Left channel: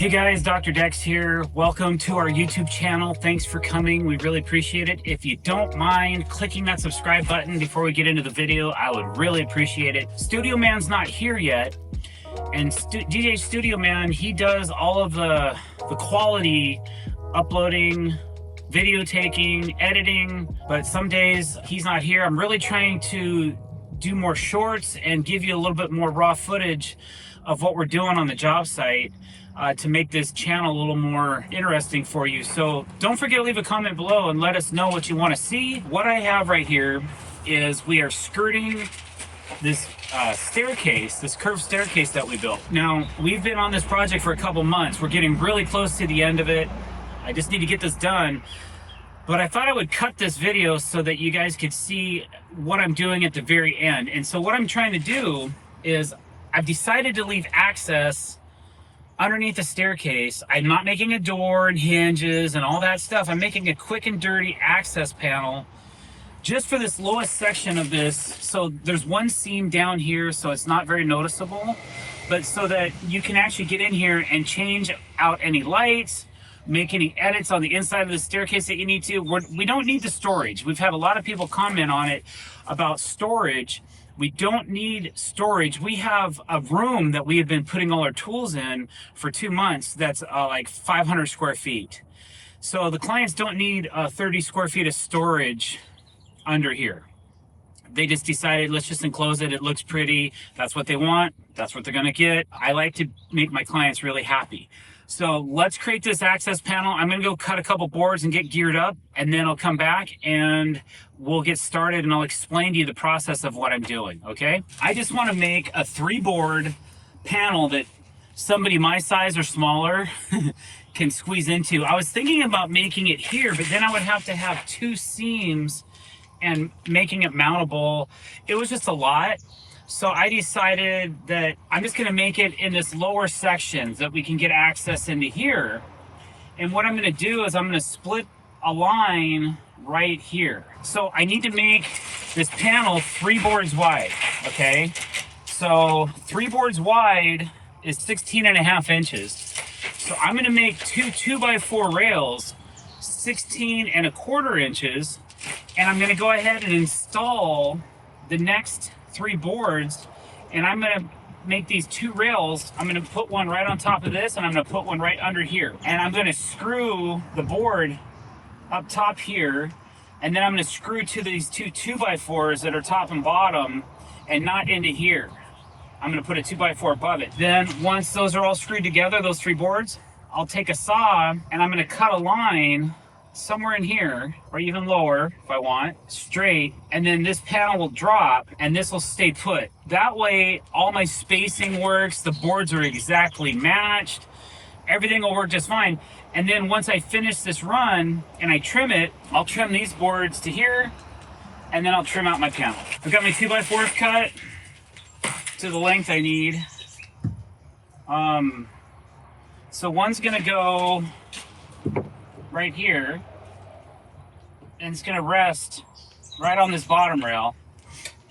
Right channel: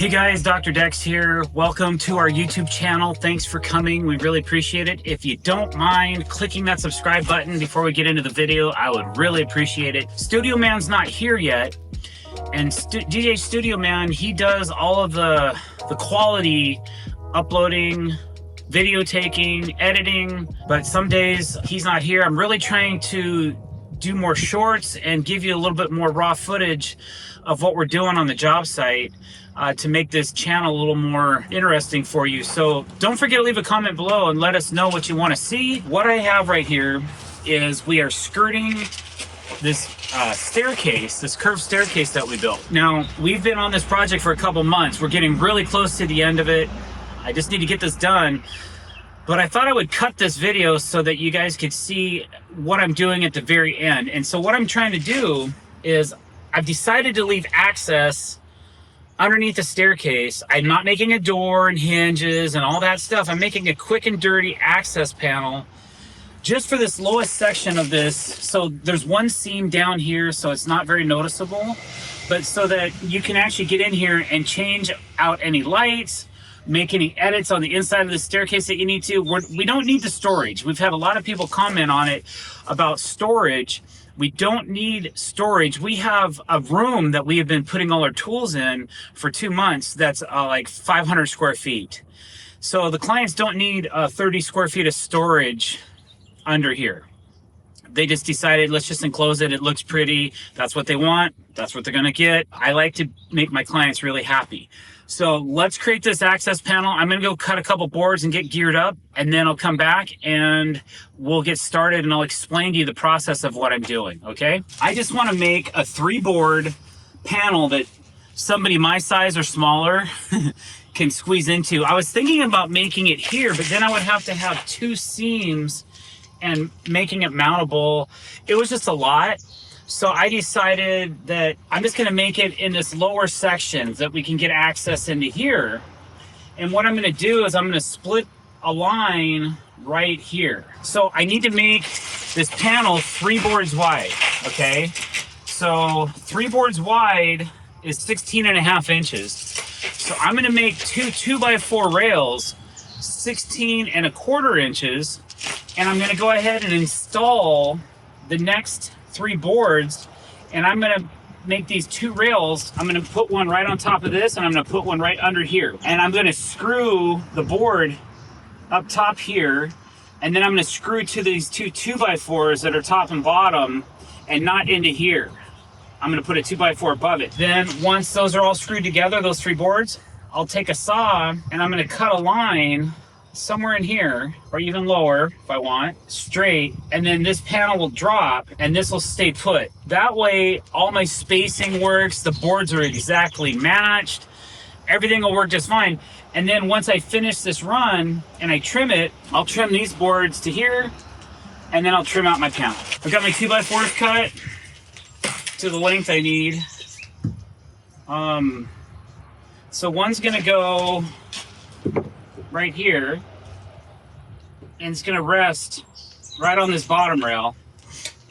Hey guys, Dr. Dex here. Welcome to our YouTube channel. Thanks for coming. We really appreciate it. If you don't mind clicking that subscribe button before we get into the video, I would really appreciate it. Studio Man's not here yet. And DJ Studio Man, he does all of the quality uploading, video taking, editing, but some days he's not here. I'm really trying to do more shorts and give you a little bit more raw footage of what we're doing on the job site to make this channel a little more interesting for you. So don't forget to leave a comment below and let us know what you want to see. What I have right here is we are skirting this staircase, this curved staircase that we built. Now, we've been on this project for a couple months. We're getting really close to the end of it. I just need to get this done. But I thought I would cut this video so that you guys could see what I'm doing at the very end. And so what I'm trying to do is I've decided to leave access underneath the staircase. I'm not making a door and hinges and all that stuff. I'm making a quick and dirty access panel just for this lowest section of this. So there's one seam down here, so it's not very noticeable, but so that you can actually get in here and change out any lights, make any edits on the inside of the staircase that you need to. We don't need the storage. We've had a lot of people comment on it about storage. We don't need storage. We have a room that we have been putting all our tools in for 2 months that's like 500 square feet. So the clients don't need 30 square feet of storage under here. They just decided, let's just enclose it. It looks pretty. That's what they want. That's what they're gonna get. I like to make my clients really happy. So let's create this access panel. I'm gonna go cut a couple boards and get geared up, and then I'll come back and we'll get started and I'll explain to you the process of what I'm doing, okay? I just wanna make a 3-board panel that somebody my size or smaller can squeeze into. I was thinking about making it here, but then I would have to have 2 seams and making it mountable. It was just a lot. So I decided that I'm just gonna make it in this lower section that we can get access into here. And what I'm gonna do is I'm gonna split a line right here. So I need to make this panel 3 boards wide, okay? So 3 boards wide is 16.5 inches. So I'm gonna make 2 2x4 rails, 16.25 inches, and I'm gonna go ahead and install the next 3 boards, and I'm gonna make these 2 rails. I'm gonna put one right on top of this, and I'm gonna put one right under here. And I'm gonna screw the board up top here, and then I'm gonna screw to these 2 2x4s that are top and bottom, and not into here. I'm gonna put a 2x4 above it. Then once those are all screwed together, those 3 boards, I'll take a saw, and I'm gonna cut a line somewhere in here, or even lower if I want, straight, and then this panel will drop and this will stay put. That way all my spacing works, the boards are exactly matched, everything will work just fine. And then once I finish this run and I trim it, I'll trim these boards to here, and then I'll trim out my panel. I've got my 2x4s cut to the length I need. So one's gonna go right here, and it's gonna rest right on this bottom rail,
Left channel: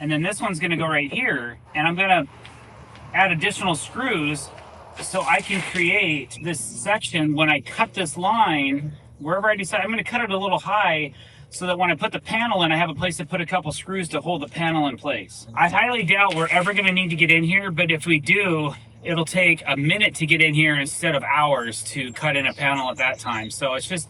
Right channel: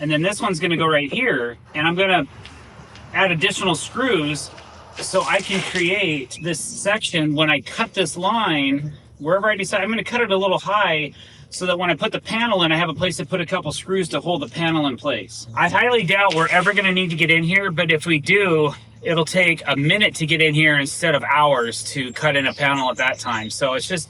and then this one's gonna go right here, and I'm gonna add additional screws so I can create this section. When I cut this line, wherever I decide, I'm gonna cut it a little high so that when I put the panel in, I have a place to put a couple screws to hold the panel in place. I highly doubt we're ever gonna need to get in here, but if we do, it'll take a minute to get in here instead of hours to cut in a panel at that time. So it's just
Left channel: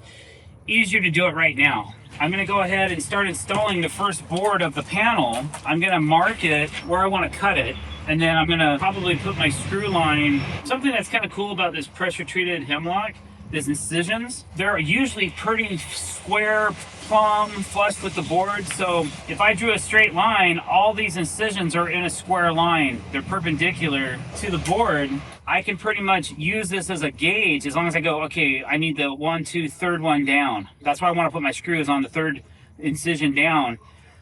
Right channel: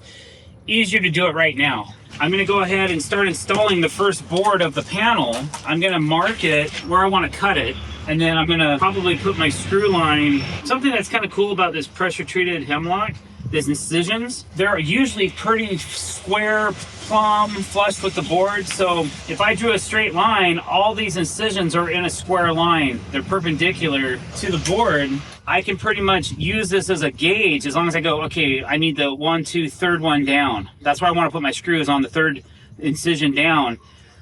easier to do it right now. I'm gonna go ahead and start installing the first board of the panel. I'm gonna mark it where I wanna cut it, and then I'm gonna probably put my screw line. Something that's kind of cool about this pressure treated hemlock, these incisions, they're usually pretty square, plumb, flush with the board. So if I drew a straight line, all these incisions are in a square line. They're perpendicular to the board. I can pretty much use this as a gauge as long as I go, okay, I need the 1, 2, third one down. That's where I want to put my screws, on the 3rd incision down.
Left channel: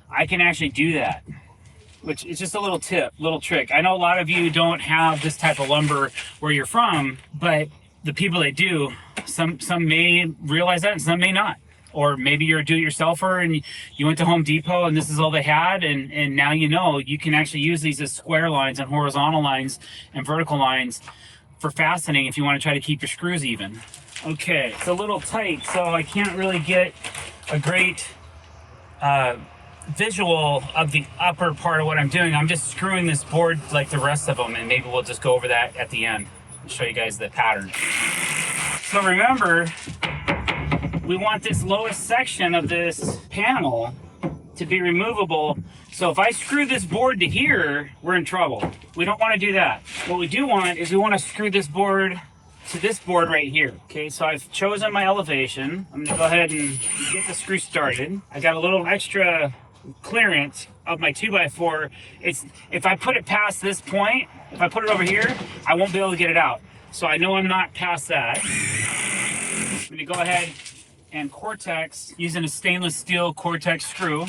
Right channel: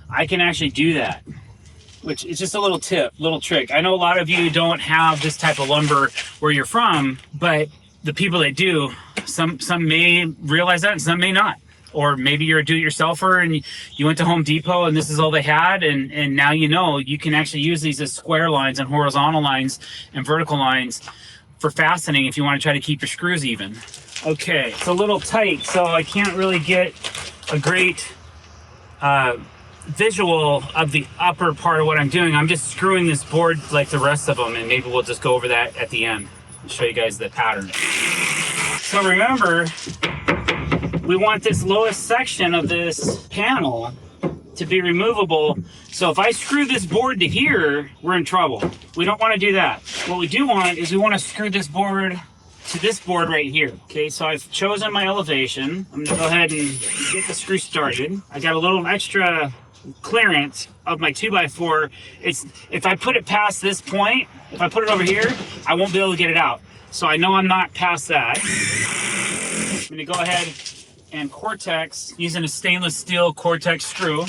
I can actually do that, which is just a little tip, little trick. I know a lot of you don't have this type of lumber where you're from, but the people that do, some may realize that and some may not. Or maybe you're a do-it-yourselfer and you went to Home Depot and this is all they had, and now you know you can actually use these as square lines and horizontal lines and vertical lines for fastening if you want to try to keep your screws even. Okay, it's a little tight, so I can't really get a great visual of the upper part of what I'm doing. I'm just screwing this board like the rest of them, and maybe we'll just go over that at the end and show you guys the pattern. So remember, we want this lowest section of this panel to be removable. So if I screw this board to here, we're in trouble. We don't want to do that. What we do want is we want to screw this board to this board right here. Okay, so I've chosen my elevation. I'm gonna go ahead and get the screw started. I got a little extra clearance of my 2x4. If I put it past this point, if I put it over here, I won't be able to get it out. So I know I'm not past that. I'm gonna go ahead and Cortex, using a stainless steel Cortex screw,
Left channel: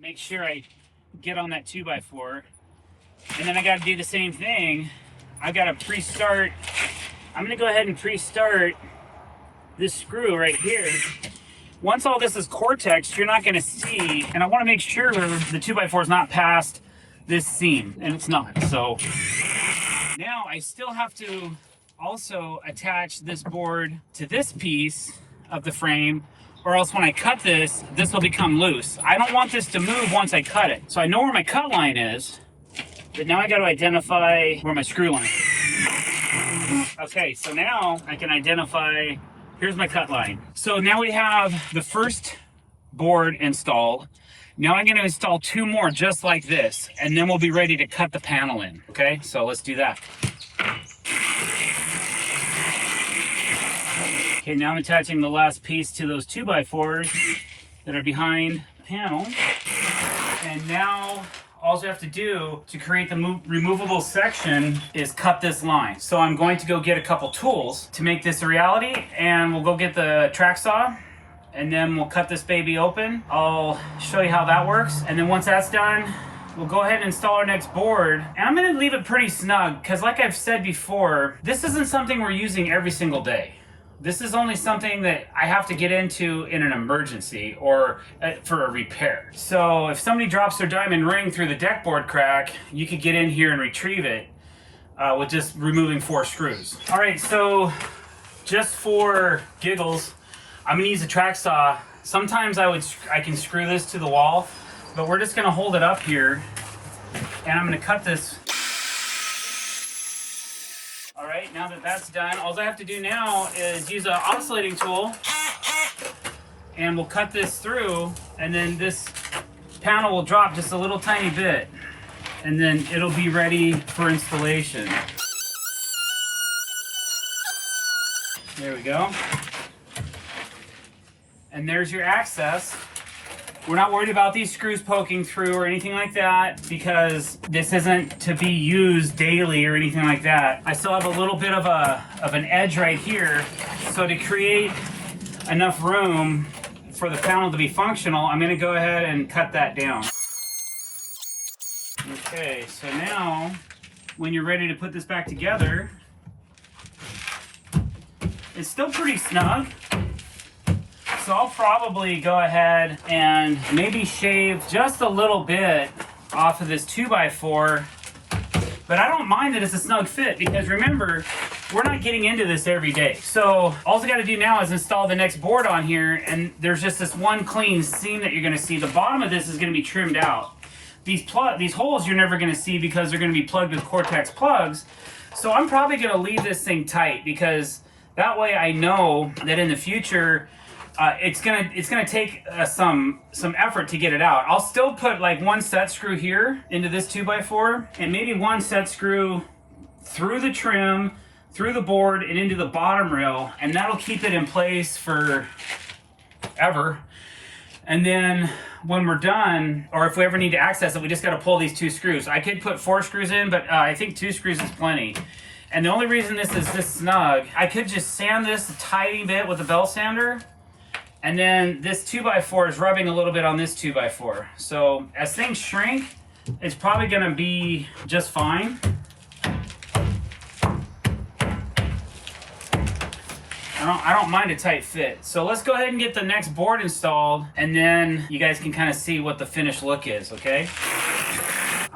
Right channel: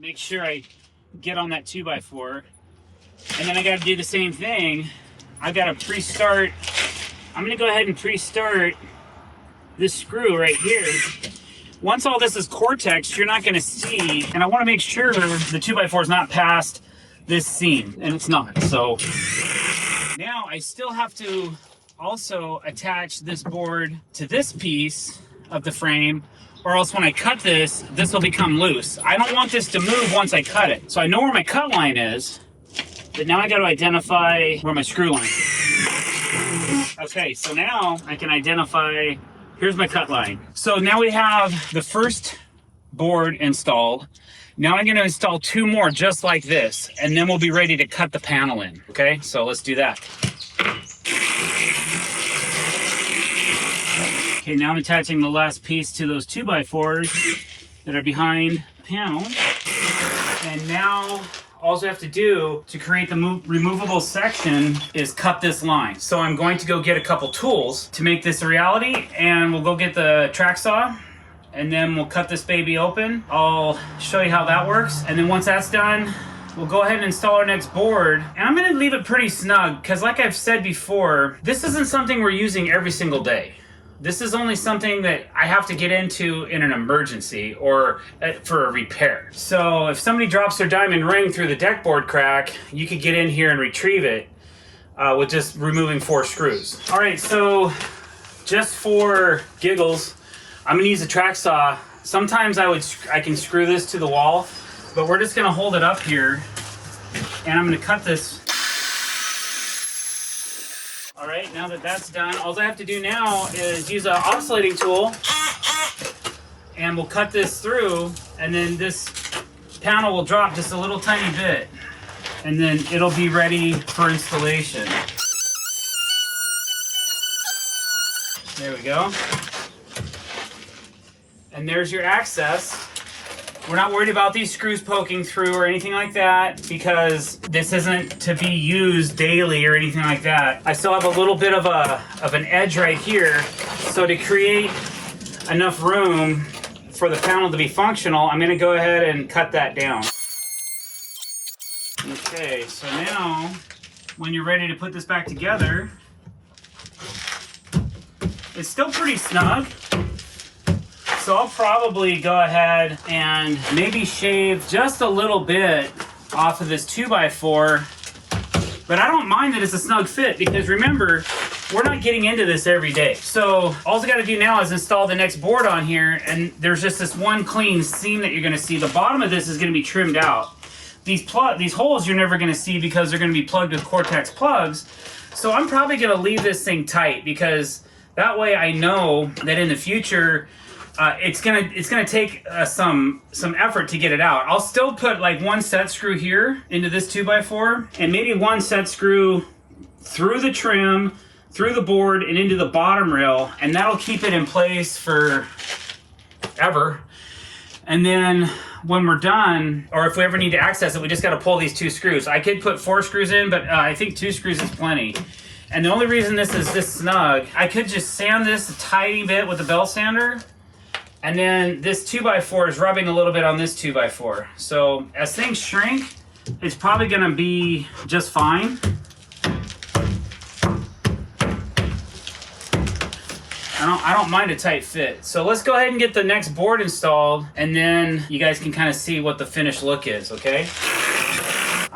make sure I get on that 2x4. And then I gotta do the same thing. I gotta pre-start. I'm gonna go ahead and pre-start this screw right here. Once all this is Cortex, you're not gonna see, and I wanna make sure the 2x4 is not past this seam, and it's not. So now I still have to also attach this board to this piece of the frame, or else when I cut this will become loose. I don't want this to move once I cut it. So I know where my cut line is, but now I got to identify where my screw line is. Okay, so now I can identify, here's my cut line. So now we have the first board installed. Now I'm going to install 2 more just like this, and then we'll be ready to cut the panel in. Okay, so let's do that. Okay, now I'm attaching the last piece to those 2x4s that are behind the panel. And now all we have to do to create the removable section is cut this line. So I'm going to go get a couple tools to make this a reality, and we'll go get the track saw, and then we'll cut this baby open. I'll show you how that works. And then once that's done, we'll go ahead and install our next board. And I'm gonna leave it pretty snug, because like I've said before, this isn't something we're using every single day. This is only something that I have to get into in an emergency or for a repair. So if somebody drops their diamond ring through the deck board crack, you could get in here and retrieve it with just removing 4 screws. All right, so just for giggles, I'm gonna use a track saw. Sometimes I can screw this to the wall, but we're just gonna hold it up here, and I'm gonna cut this. All right, now that that's done, all I have to do now is use an oscillating tool, and we'll cut this through, and then this panel will drop just a little tiny bit, and then it'll be ready for installation. There we go. And there's your access. We're not worried about these screws poking through or anything like that, because this isn't to be used daily or anything like that. I still have a little bit of an edge right here. So to create enough room for the panel to be functional, I'm gonna go ahead and cut that down. Okay, so now when you're ready to put this back together, it's still pretty snug. So I'll probably go ahead and maybe shave just a little bit off of this 2x4, but I don't mind that it's a snug fit, because remember, we're not getting into this every day. So all I got to do now is install the next board on here, and there's just this one clean seam that you're going to see. The bottom of this is going to be trimmed out. These holes you're never going to see because they're going to be plugged with Cortex plugs. So I'm probably going to leave this thing tight, because that way I know that in the future, it's gonna take some effort to get it out. I'll still put like 1 set screw here into this 2x4, and maybe 1 set screw through the trim, through the board, and into the bottom rail, and that'll keep it in place for ever. And then when we're done, or if we ever need to access it, we just got to pull these 2 screws. I could put 4 screws in, but I think 2 screws is plenty. And the only reason this is this snug, I could just sand this a tiny bit with a belt sander, and then this 2x4 is rubbing a little bit on this 2x4. So as things shrink, it's probably gonna be just fine. I don't mind a tight fit. So let's go ahead and get the next board installed, and then you guys can kind of see what the finished look is, okay?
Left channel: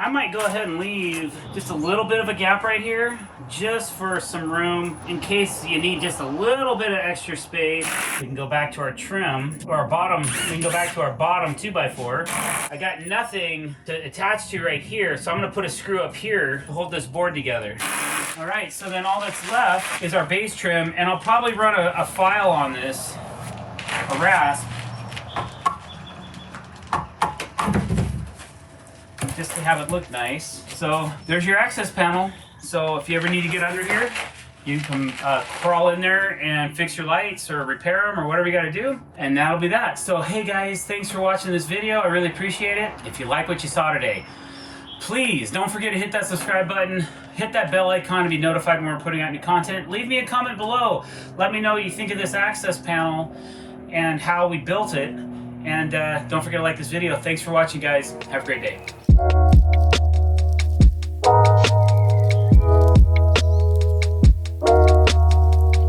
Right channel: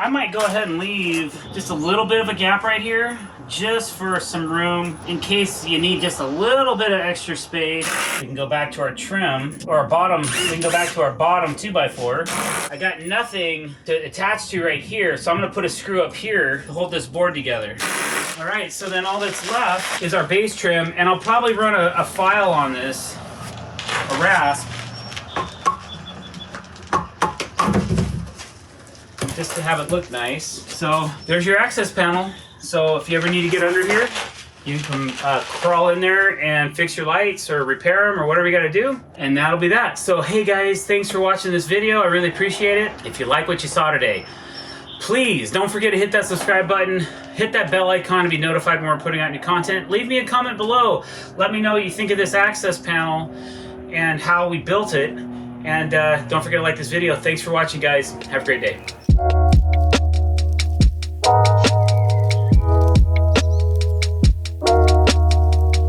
I might go ahead and leave just a little bit of a gap right here, just for some room in case you need just a little bit of extra space. We can go back to our trim, or our bottom, we can go back to our bottom 2x4. I got nothing to attach to right here, so I'm gonna put a screw up here to hold this board together. All right, so then all that's left is our base trim, and I'll probably run a file on this, a rasp, just to have it look nice. So there's your access panel. So if you ever need to get under here, you can crawl in there and fix your lights or repair them or whatever you got to do, and that'll be that. So hey guys, thanks for watching this video. I really appreciate it. If you like what you saw today, please don't forget to hit that subscribe button, hit that bell icon to be notified when we're putting out new content. Leave me a comment below. Let me know what you think of this access panel and how we built it. And don't forget to like this video. Thanks for watching, guys. Have a great day.